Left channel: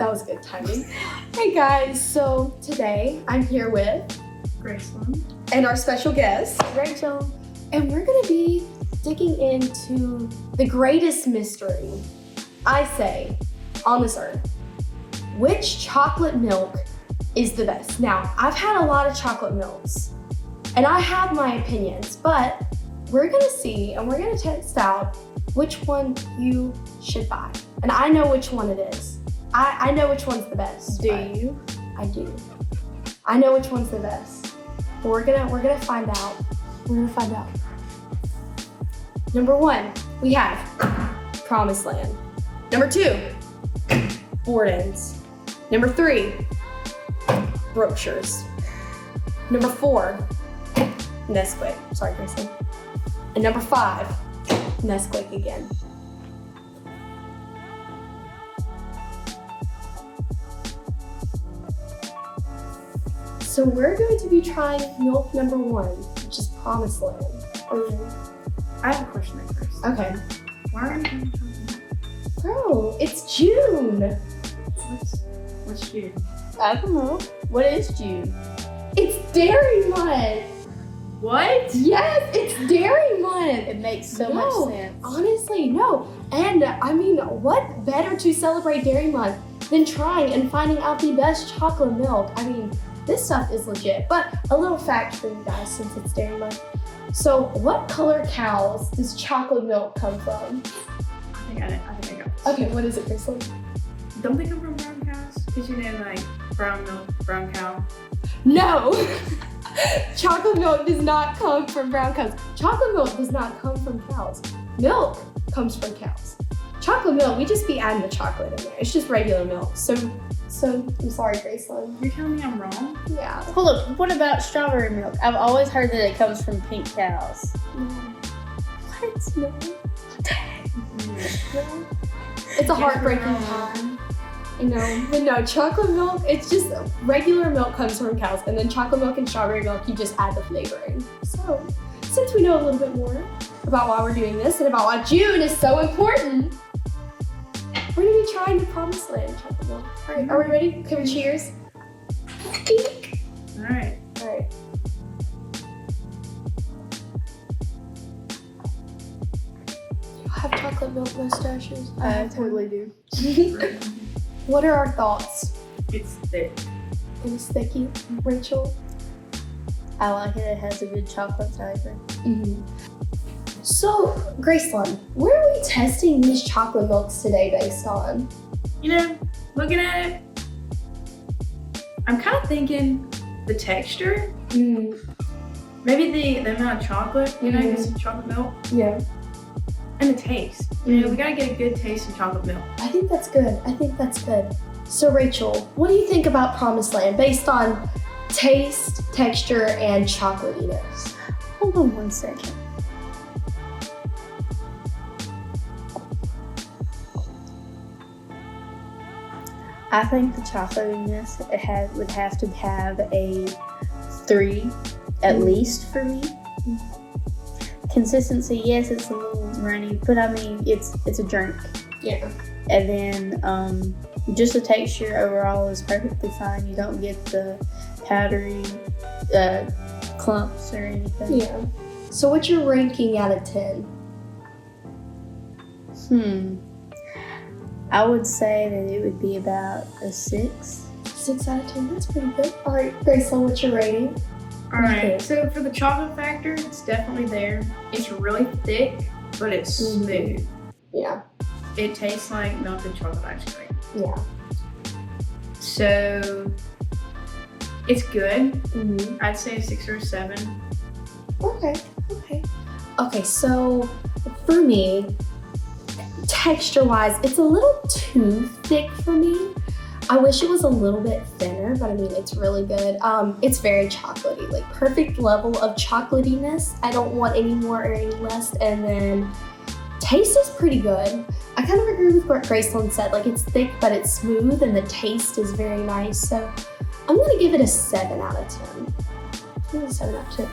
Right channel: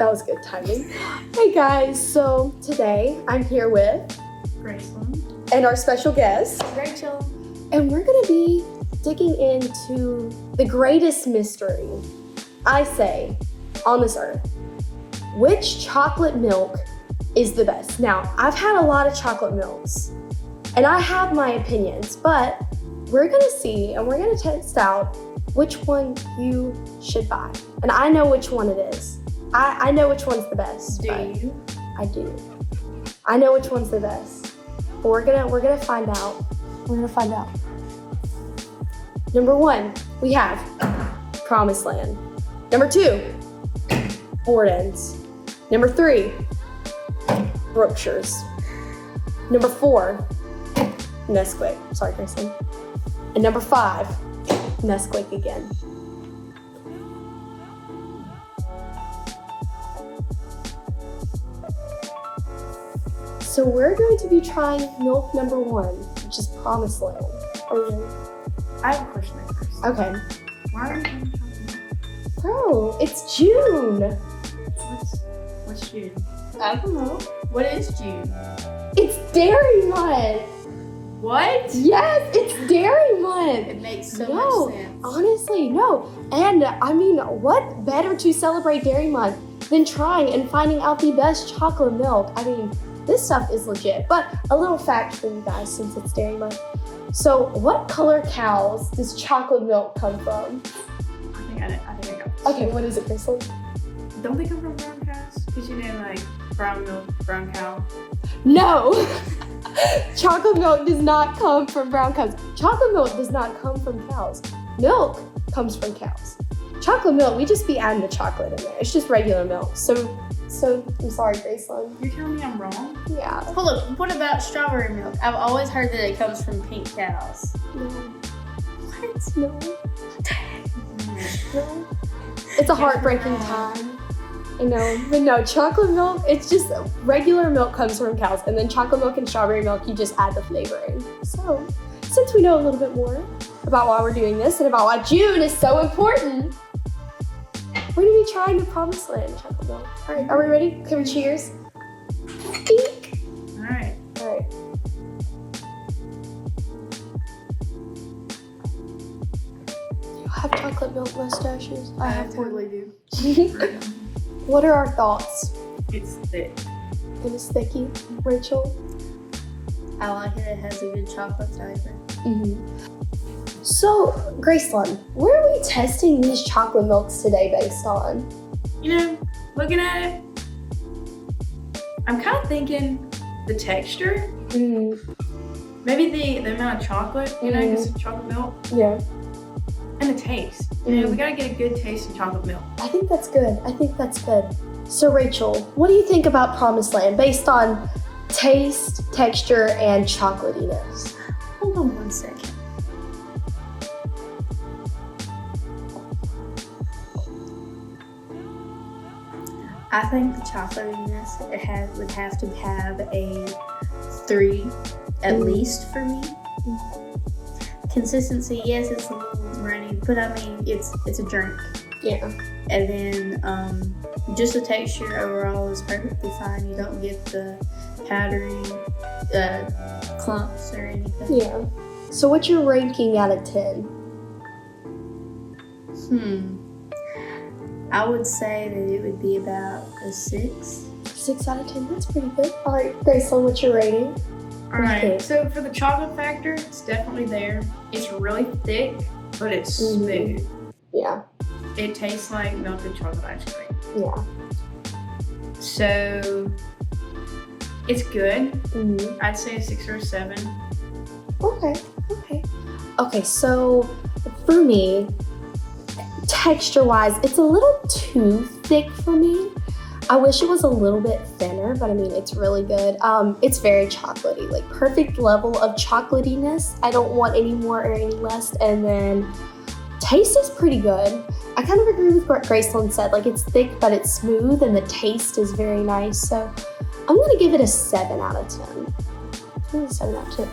That was good timing. Hey guys, so today I'm here with Graceland. and our special guest, Rachel. and we're gonna be digging into the greatest mystery, I say, on this earth. Which chocolate milk is the best? Now, I've had a lot of chocolate milks, and I have my opinions, but we're gonna see and we're gonna test out which one you should buy. And I know which one it is. I know which one's the best. Do but you? I do. I know which one's the best. But we're gonna find out. We're gonna find out. Number 1, we have Promised Land. Number 2, Borden's. Number 3, Brookshire's. Number 4, Nesquik. Sorry, Kristen. And number 5, Nesquik again. So we're going to be trying milk number 1, which is Promised Land. I have a question at first. Okay. Why are you doing chocolate? Bro, it's June. What's June? I don't know. What is June? It's Dairy Month. What? Yes, it's Dairy Month. It makes so No, much sense. Honestly, no. And I mean, what better to celebrate Dairy Month than trying and finding out the best chocolate milk? I mean, this stuff is legit. But a little fact for you guys since it's Dairy Month. So, what color cows does chocolate milk come from? I think I got this. Okay, what is it, Kristen? Don't they come from brown cows? Because you know, like, brown milk, brown cow. No! Chocolate milk does not come from brown cows. Chocolate milk does not come from cows. Milk comes from cows. Chocolate milk, we just be adding the chocolate in there. It's just regular milk. So I'm sorry, Graceland. You're telling me I'm wrong? Yeah. Hold up. What about strawberry milk? I've always heard that it comes from pink cows. No. What? No. Mm. No. It's a heartbreaking time. I know. But no, chocolate milk, it's just regular milk comes from cows. And then chocolate milk and strawberry milk, you just add the flavoring. So, since we know a little bit more about why we're doing this and about why June is so important, we're gonna be trying the Promised Land chocolate milk. All right, are we ready? Can we cheers? Eek. Alright. All right. You have chocolate milk mustaches. I have totally do. one. What are our thoughts? It's thick. It is sticky, Rachel. I like it. It has a good chocolate flavor. Mm-hmm. So, Graceland, what are we testing these chocolate milks today based on? You know, looking at it, I'm kind of thinking the texture, maybe the amount of chocolate, you know, because it's chocolate milk, Yeah, and the taste. You know, we gotta get a good taste in chocolate milk. I think that's good. So, Rachel, what do you think about Promised Land based on taste, texture, and chocolatiness? Hold on 1 second. I think the chocolatiness would have to have a 3 at least for me. Consistency, yes, it's a little runny, but I mean it's a drink. Yeah. And then just the texture overall is perfectly fine. You don't get the powdery clumps or anything. Yeah. So, what's your ranking out of 10? I would say that it would be about a 6. 6 out of 10. That's pretty good. All right, Graceland, what's your rating? Alright, Okay. so for the chocolate factor, it's definitely there. It's really thick, but it's smooth. Yeah. It tastes like melted chocolate ice cream. Yeah. So it's good. Mm-hmm. I'd say a 6 or a 7. Okay, so for me, texture-wise, it's a little too thick for me. I wish it was a little bit thinner, but I mean, it's really good. It's very chocolatey, like perfect level of chocolatiness. I don't want any more or any less. And then taste is pretty good. I kind of agree with what Graceland said. Like, it's thick, but it's smooth, and the taste is very nice. So I'm gonna give it a 7 out of 10. I'm gonna 7 out of 10.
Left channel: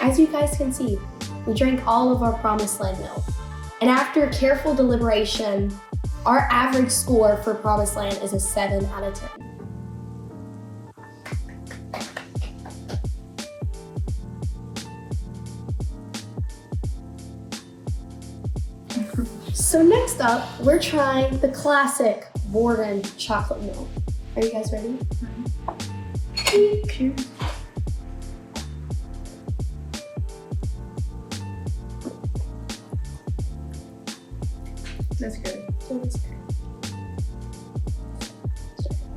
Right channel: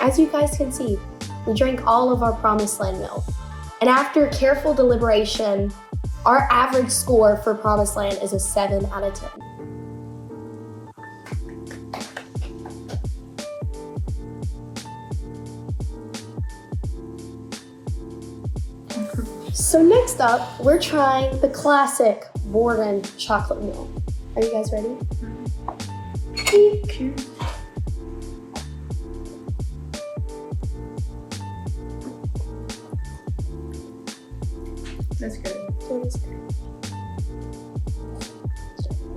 As you guys can see, we drank all of our Promised Land milk. And after careful deliberation, Our average score for Promised Land is a 7 out of 10. So next up, we're trying the classic Borden chocolate milk. Are you guys ready? Cheers. That's good.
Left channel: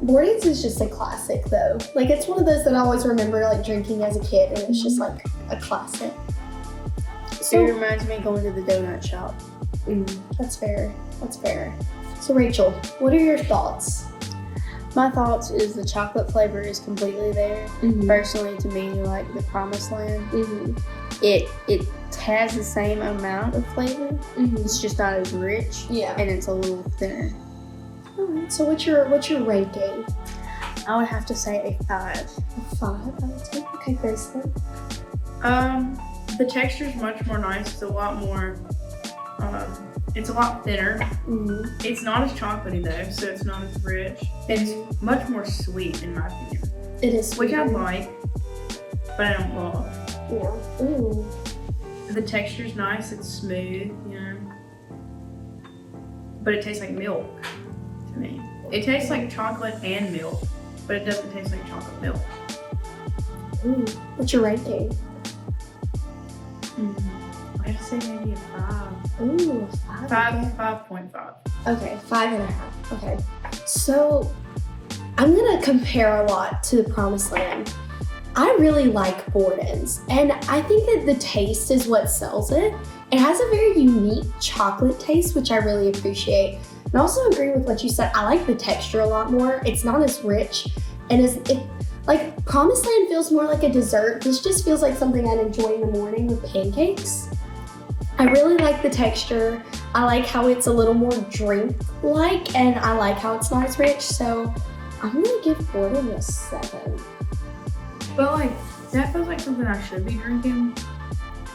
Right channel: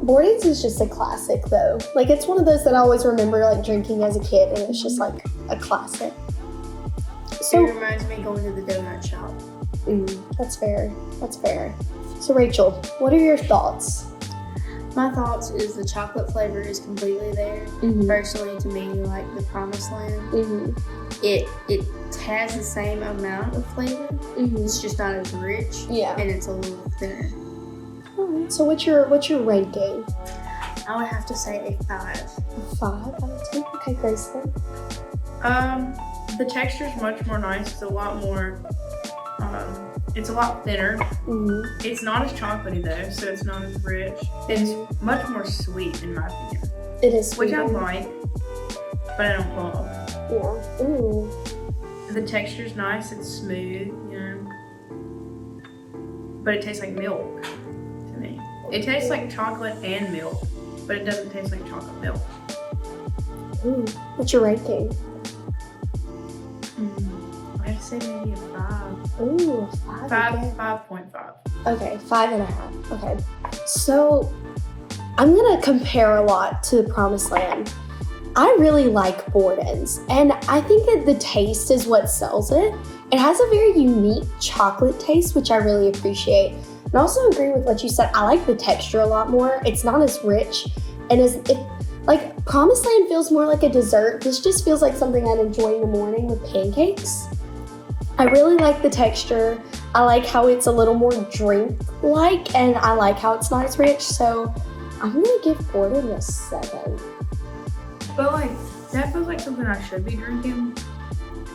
Borden's is just a classic though. Like it's one of those that I always remember like drinking as a kid, and it's just like a classic. It So reminds me of going to the donut shop. that's fair. That's fair. So Rachel, what are your thoughts? My thoughts is the chocolate flavor is completely there. Personally, to me, like the Promised Land, it has the same amount of flavor. It's just not as rich, Yeah. and it's a little thinner. Alright, so what's your ranking? I would have to say a 5. 5 out of 10. Okay, Grayson. The texture's much more nice. It's a lot more. It's a lot thinner. It's not as chocolatey though, so it's not as rich. It's much more sweet in my opinion, It is which I sweet. like, but I don't love. Yeah. Ooh. The texture's nice. It's smooth, you know, but it tastes like milk to me. It tastes like chocolate and milk, but it doesn't taste like chocolate milk. Ooh. What's your ranking? I have to say maybe a 5. Ooh, 5. Okay. 5.5. Okay, 5.5. Okay. So I'm gonna compare a lot to the Promised Land. I really like Borden's, and I think that the taste is what sells it. It has a very unique chocolate taste, which I really appreciate. And I also agree with what you said. I like the texture a lot more. It's not as rich, and like Promised Land feels more like a dessert. This just feels like something I'd enjoy in the morning with pancakes. I really like the texture. I like how it's a little more drink-like, and I like how it's not as rich. So I'm gonna give Borden a 7. But like, that feels like something I should be drinking,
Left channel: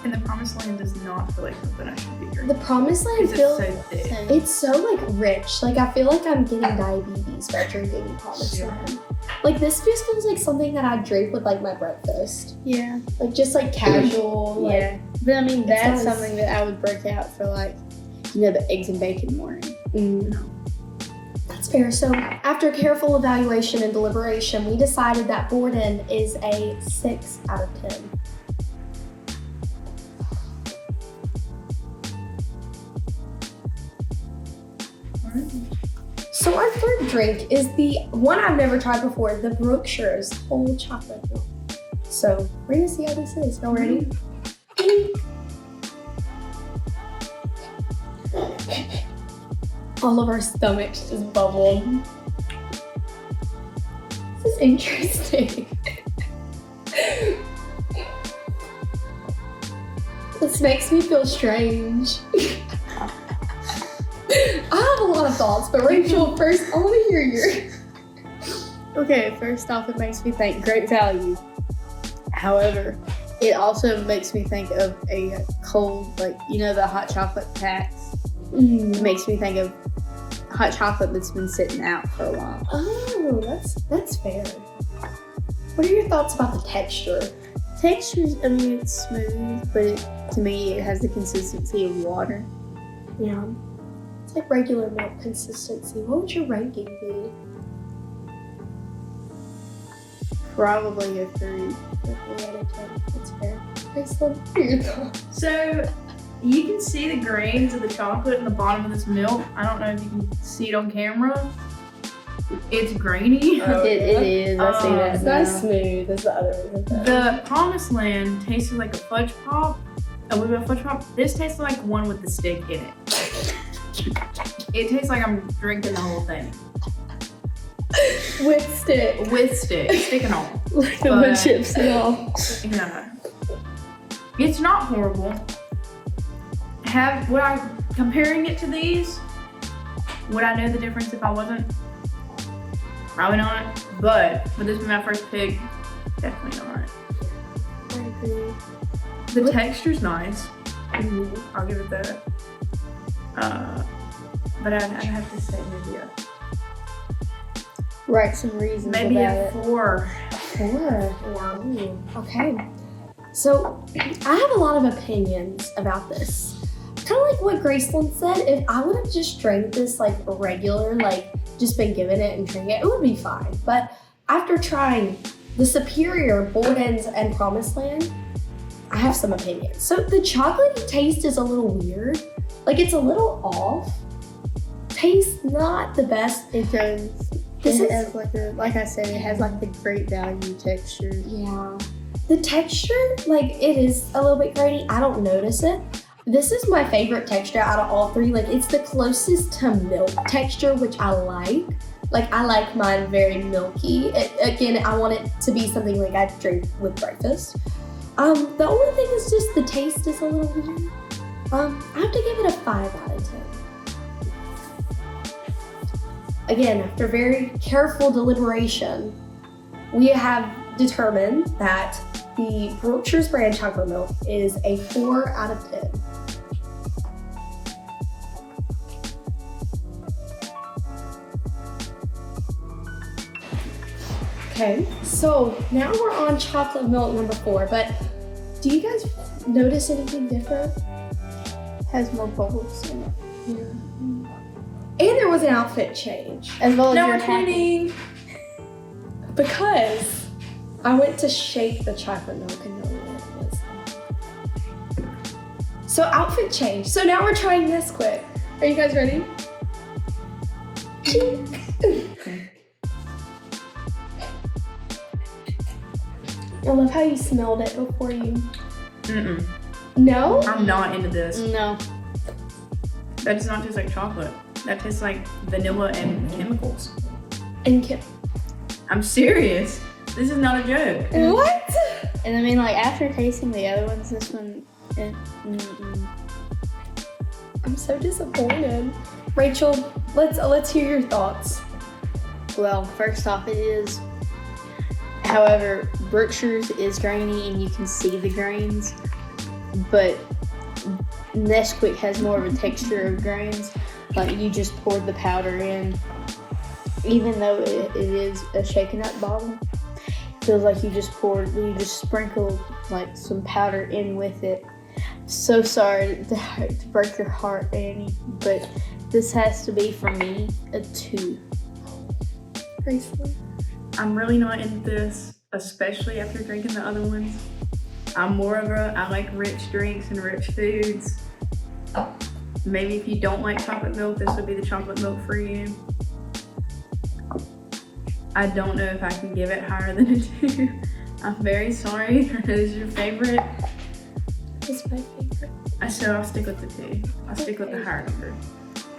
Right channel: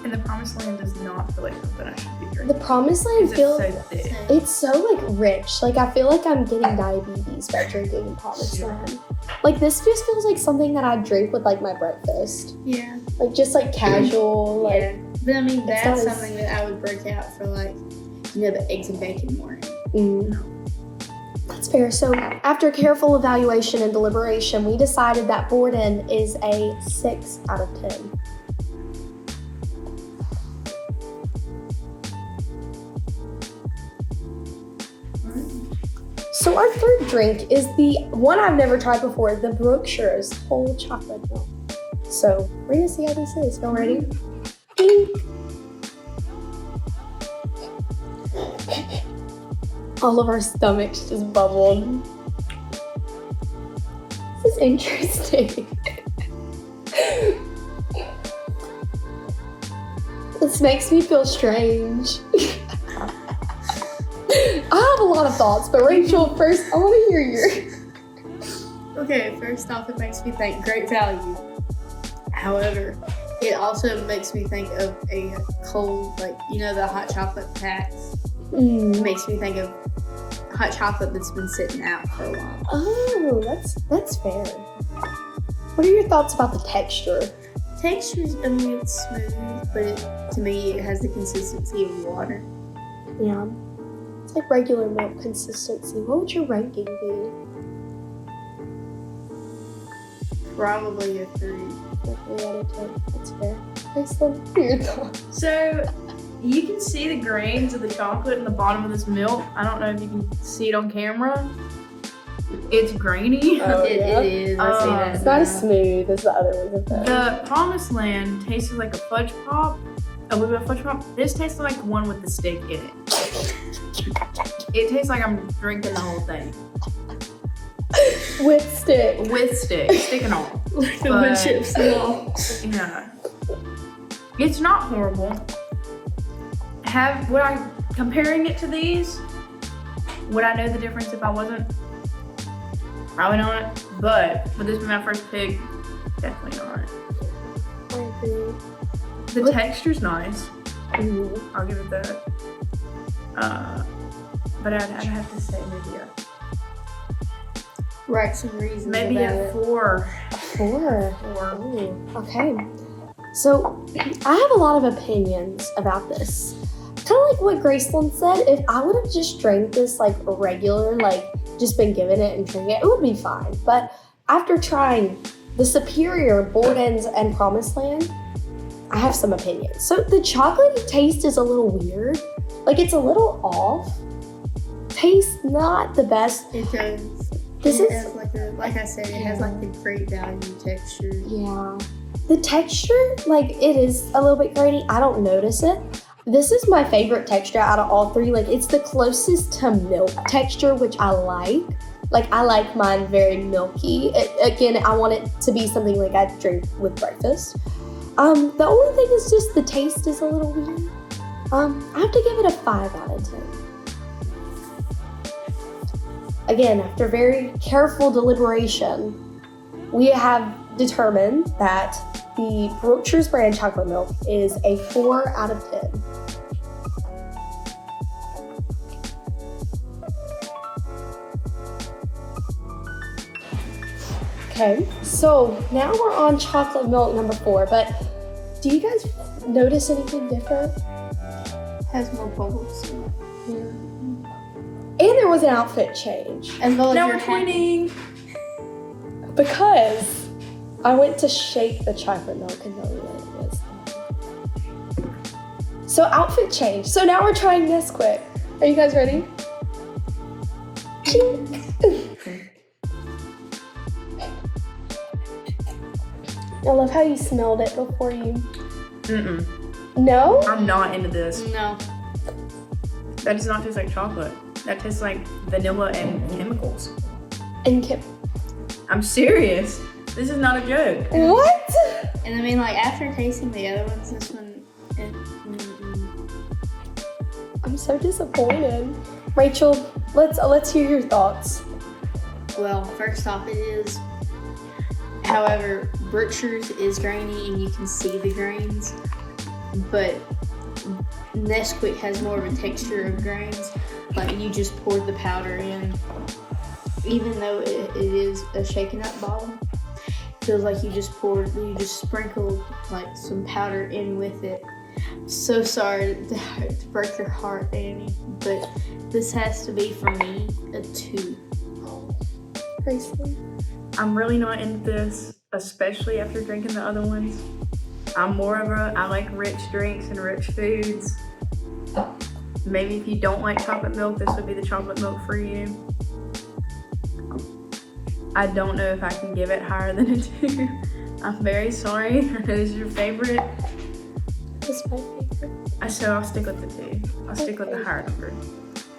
and the Promised Land does not feel like something I should be The drinking. Promised Land Because feels it's so thick. it's so like rich. Like I feel like I'm getting diabetes by drinking Promised Yeah. Land. Like this just feels like something that I drink with like my breakfast. Yeah. Like just like casual. Like Yeah. But I mean, that's sounds- something that I would break out for, like, you know, the eggs and bacon morning. That's fair. So after careful evaluation and deliberation, we decided that Borden is a 6 out of 10. So our third drink is the one I've never tried before, the Brookshire's whole chocolate milk. So we're gonna see how this is. Y'all ready? All of our stomachs just bubbled. This is interesting. This makes me feel strange. I have a lot of thoughts, but Rachel, first, I want to hear yours. Okay, first off, it makes me think great value. However, it also makes me think of a cold, like, you know, the hot chocolate packs. It makes me think of hot chocolate that's been sitting out for a while. Oh, that's fair. What are your thoughts about the texture? Textures, I mean, it's smooth, but to me, it has the consistency of water. Yeah. It's like regular milk consistency. What would your ranking be? Probably a 3. 3 out of 10. That's fair. Excellent. What are your thoughts? So you can see the grains of the chocolate in the bottom of this milk. I don't know if you can see it on camera. It's grainy. Oh, It is. I see that It's not as now. smooth as the other ones. The Promised Land tasted like a fudge pop, a little bit of fudge pop. This tastes like one with the stick in it. It tastes like I'm drinking the whole thing With stick. with stick and all. With But- chips and all. Yeah, it's not horrible. Would I comparing it to these? Would I know the difference if I wasn't? Probably not. But would this be my first pick? Definitely not. I agree. The texture's nice. Mhm. I'll give it that. but I'd have to say maybe Write some reasons maybe about a it. 4. 4. 4. Ooh, okay. So I have a lot of opinions about this. Kind of like what Graceland said, if I would have just drank this like regular, like just been given it and drink it, it would be fine. But after trying the superior Borden's and Promised Land, I have some opinions. So the chocolatey taste is a little weird. Like it's a little off. Tastes not the best. Because This it is- has like I said, it has like the great value texture. Yeah. The texture, like it is a little bit grainy. I don't notice it. This is my favorite texture out of all 3. Like it's the closest to milk texture, which I like. Like I like mine very milky. Again, I want it to be something like I drink with breakfast. The only thing is just the taste is a little weird. I have to give it a 5 out of 10. Again, after very careful deliberation, we have determined that the Brookshire's brand chocolate milk is a 4 out of 10. Okay, so now we're on chocolate milk number 4, but do you guys notice anything different? Has more bubbles in it. And there was an outfit change As well as No, your we're pointing. because I went to shake the chocolate milk and know what it was. So outfit change. So now we're trying Nesquik. Are you guys ready? Chink. I love how you smelled it before you. Mm-mm. No? I'm not into this. No. That does not taste like chocolate. That tastes like vanilla and chemicals. And Kip. I'm serious. This is not a joke. What? And I mean, like after tasting the other ones, this one. I'm so disappointed. Rachel, let's hear your thoughts. Well, first off, it is. However, Brookshire's is grainy and you can see the grains, but Nesquik has more of a texture of grains. Like you just poured the powder in, even though it is a shaken up bottom. It feels like you just sprinkled like some powder in with it. So sorry to break your heart, Annie, but this has to be for me a 2. Graceland. I'm really not into this, especially after drinking the other ones. I'm more of I like rich drinks and rich foods. Maybe if you don't like chocolate milk, this would be the chocolate milk for you. I don't know if I can give it higher than a 2. I'm very sorry. I know this is your favorite. It's my favorite. So I'll stick with the 2. I'll stick with the higher number.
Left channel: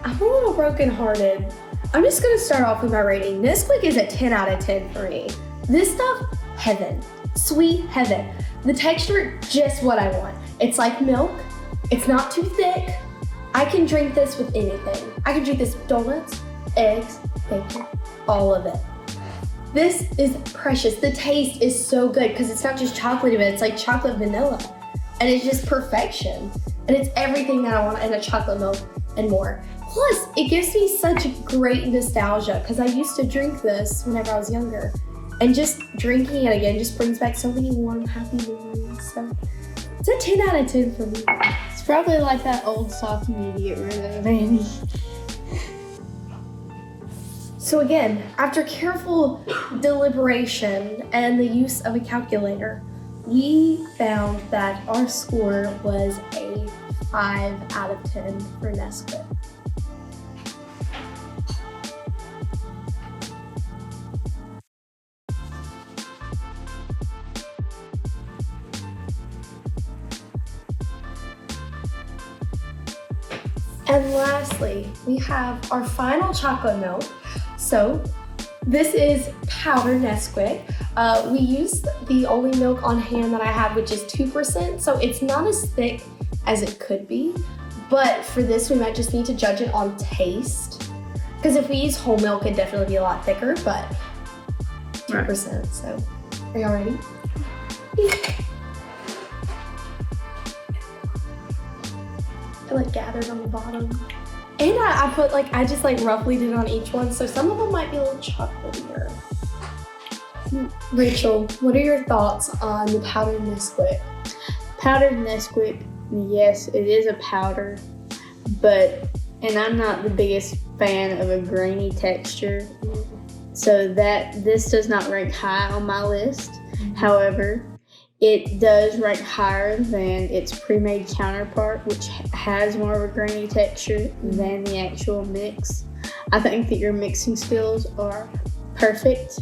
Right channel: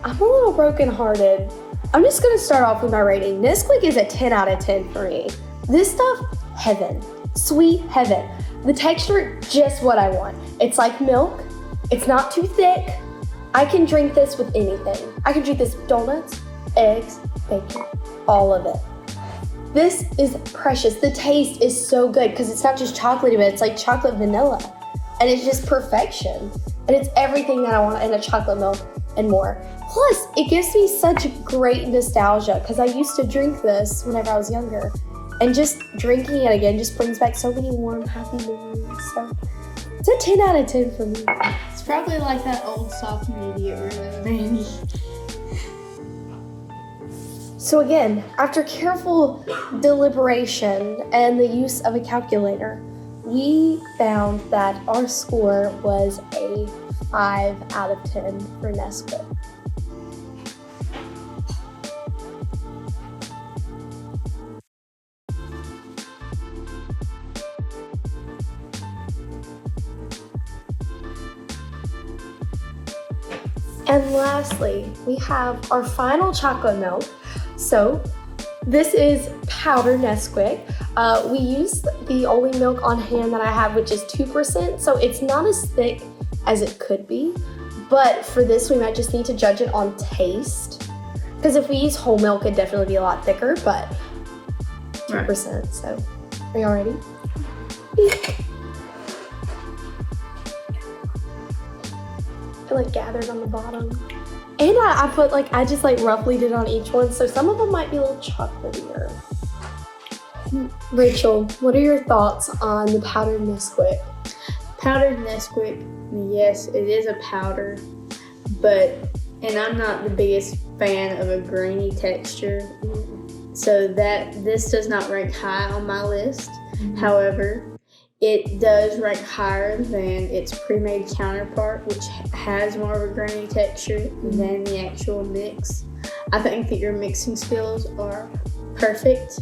I'm a little brokenhearted. I'm just gonna start off with my rating. Nesquik is a 10 out of 10 for me. This stuff, heaven. Sweet heaven. The texture, just what I want. It's like milk. It's not too thick. I can drink this with anything. I can drink this with donuts, eggs, bacon, all of it. This is precious. The taste is so good because it's not just chocolatey, but it's like chocolate vanilla. And it's just perfection. And it's everything that I want in a chocolate milk and more. Plus, it gives me such great nostalgia because I used to drink this whenever I was younger. And just drinking it again just brings back so many warm, happy memories. So it's a 10 out of 10 for me. It's probably like that old sock you need to get rid of, Annie. So again, after careful deliberation and the use of a calculator, we found that our score was a 5 out of 10 for Nesquik. And lastly, we have our final chocolate milk. So this is powdered Nesquik. We use the only milk on hand that I have, which is 2%. So it's not as thick as it could be. But for this, we might just need to judge it on taste. Because if we use whole milk, it'd definitely be a lot thicker, but 2%. So are y'all ready? I feel like gathered on the bottom. And I put I just roughly did on each one, so some of them might be a little chocolatier. Rachel, what are your thoughts on the powdered Nesquik? Powdered Nesquik, yes, it is a powder, and I'm not the biggest fan of a grainy texture, so this does not rank high on my list. However, it does rank higher than its pre-made counterpart, which has more of a grainy texture than the actual mix. I think that your mixing skills are perfect,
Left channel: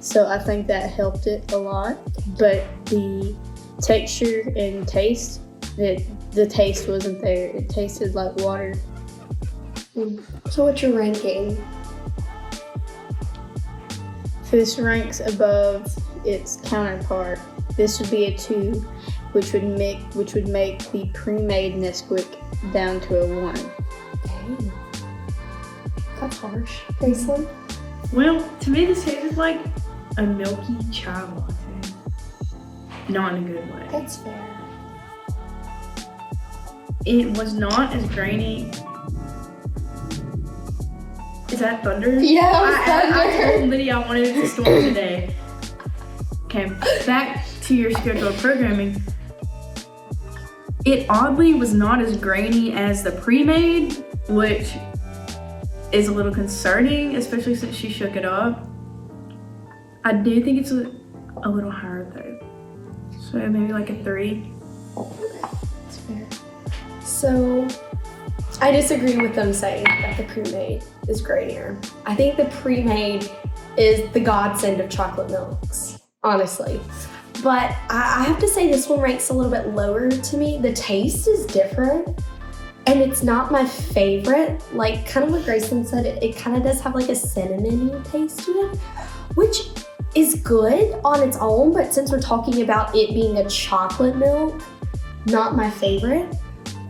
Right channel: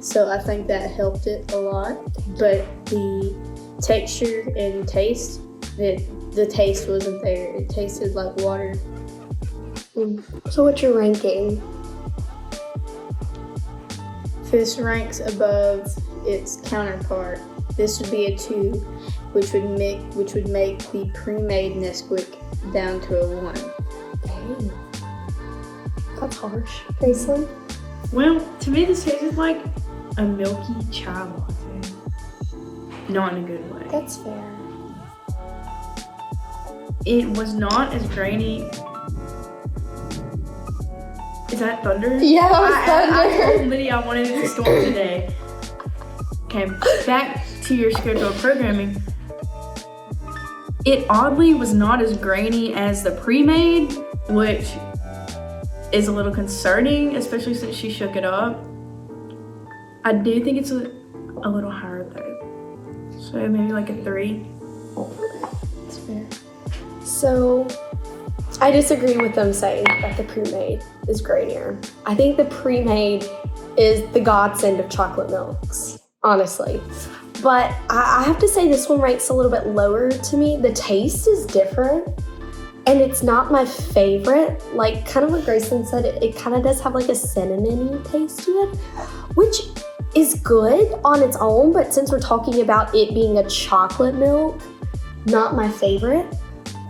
so I think that helped it a lot. But the texture and taste, the taste wasn't there. It tasted like water. So what's your ranking? This ranks above its counterpart. This would be a 2, which would make the pre-made Nesquik down to a 1. Dang. That's harsh. Graceland? Well, to me this tastes like a milky chai latte. Not in a good way. That's fair. It was not as grainy. Is that thunder? Yeah, I told Lydia I wanted it to storm today. Okay, back to your scheduled programming. It oddly was not as grainy as the pre-made, which is a little concerning, especially since she shook it up. I do think it's a little higher though. So maybe like a 3. That's fair. So, I disagree with them saying that the pre-made is grainier. I think the pre-made is the godsend of chocolate milks, honestly. But I have to say this one ranks a little bit lower to me. The taste is different, and it's not my favorite. Kind of what Grayson said, it kind of does have a cinnamon-y taste to it, which is good on its own, but since we're talking about it being a chocolate milk, not my favorite.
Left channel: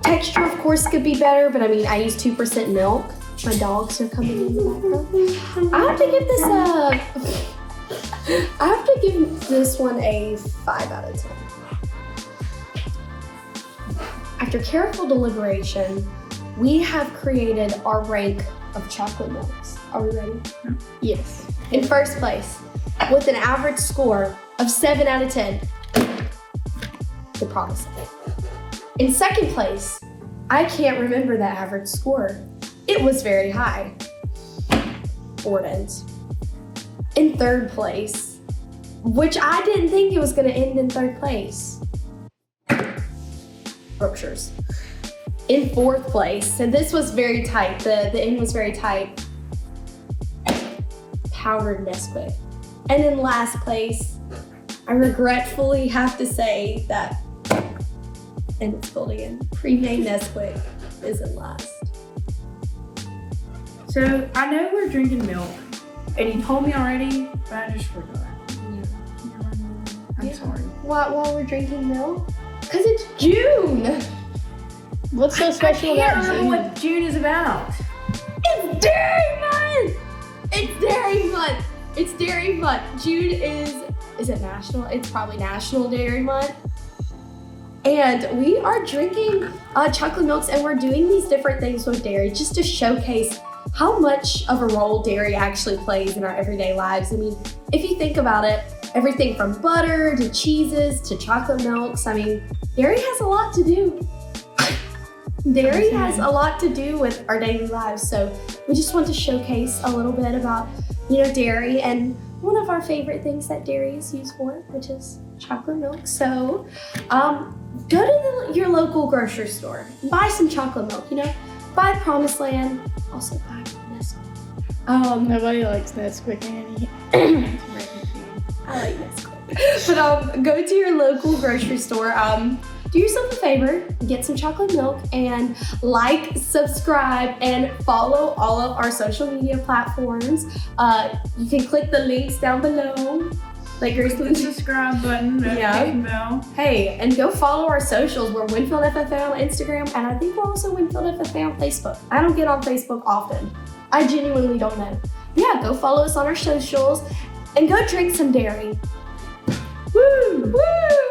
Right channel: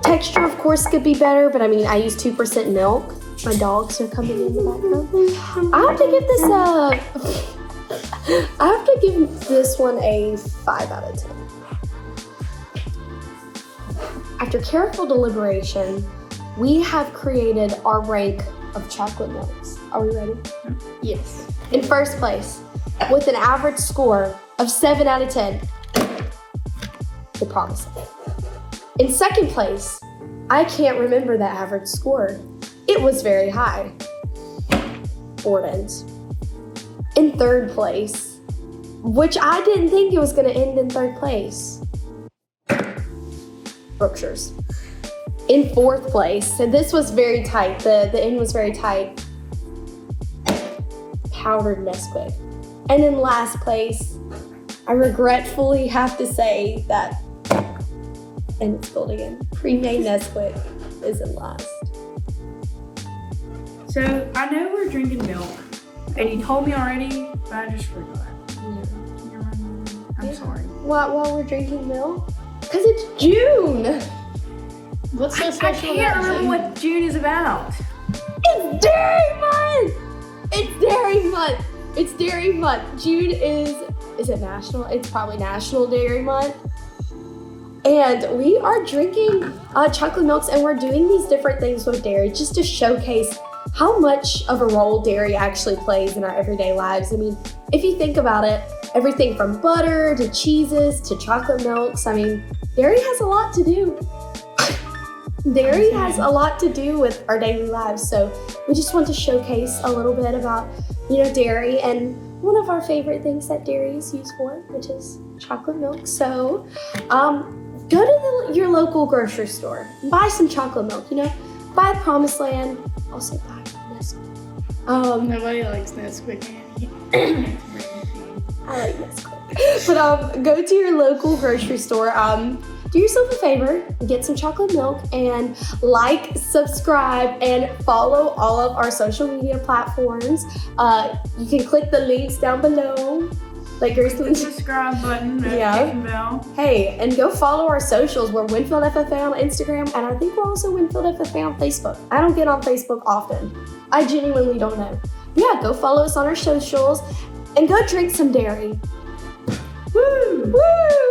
Texture, of course, could be better, but I mean, I use 2% milk. My dogs are coming in the background. I have to give this one a 5 out of 10. After careful deliberation, we have created our rank of chocolate milks. Are we ready? Yes. In first place, with an average score of 7 out of 10, the Promise Land. In second place, I can't remember that average score. It was very high. Orton's. In third place, which I didn't think it was going to end in third place, Brookshire's. In fourth place, so this was very tight. The end was very tight. Powdered Nesquik. And in last place, I regretfully have to say that, and it's building in, pre-made Nesquik is in last. So I know we're drinking milk, and you told me already, but I just forgot. I'm sorry. While we're drinking milk? Because it's June! What's so I special can't about remember June? what June is about. It's Dairy Month! It's Dairy Month! It's Dairy Month. June is it national? It's probably National Dairy Month. And we are drinking chocolate milks, and we're doing these different things with dairy just to showcase how much of a role dairy actually plays in our everyday lives. I mean, if you think about it, everything from butter to cheeses to chocolate milks, I mean, dairy has a lot to do. Dairy has a lot to do with our daily lives, so we just want to showcase a little bit about, dairy and one of our favorite things that dairy is used for, which is chocolate milk. So, go to your local grocery store, buy some chocolate milk, buy Promised Land, also buy Nesquik. Nobody likes Nesquik. I like Nesquik. But go to your local grocery store, do yourself a favor, get some chocolate milk, and subscribe, and follow all of our social media platforms. You can click the links down below. Click the subscribe button, notification bell. Hey, and go follow our socials. We're Winfield FFA on Instagram, and I think we're also Winfield FFA on Facebook. I don't get on Facebook often. I genuinely don't know. Yeah, go follow us on our socials, and go drink some dairy. Woo! Woo!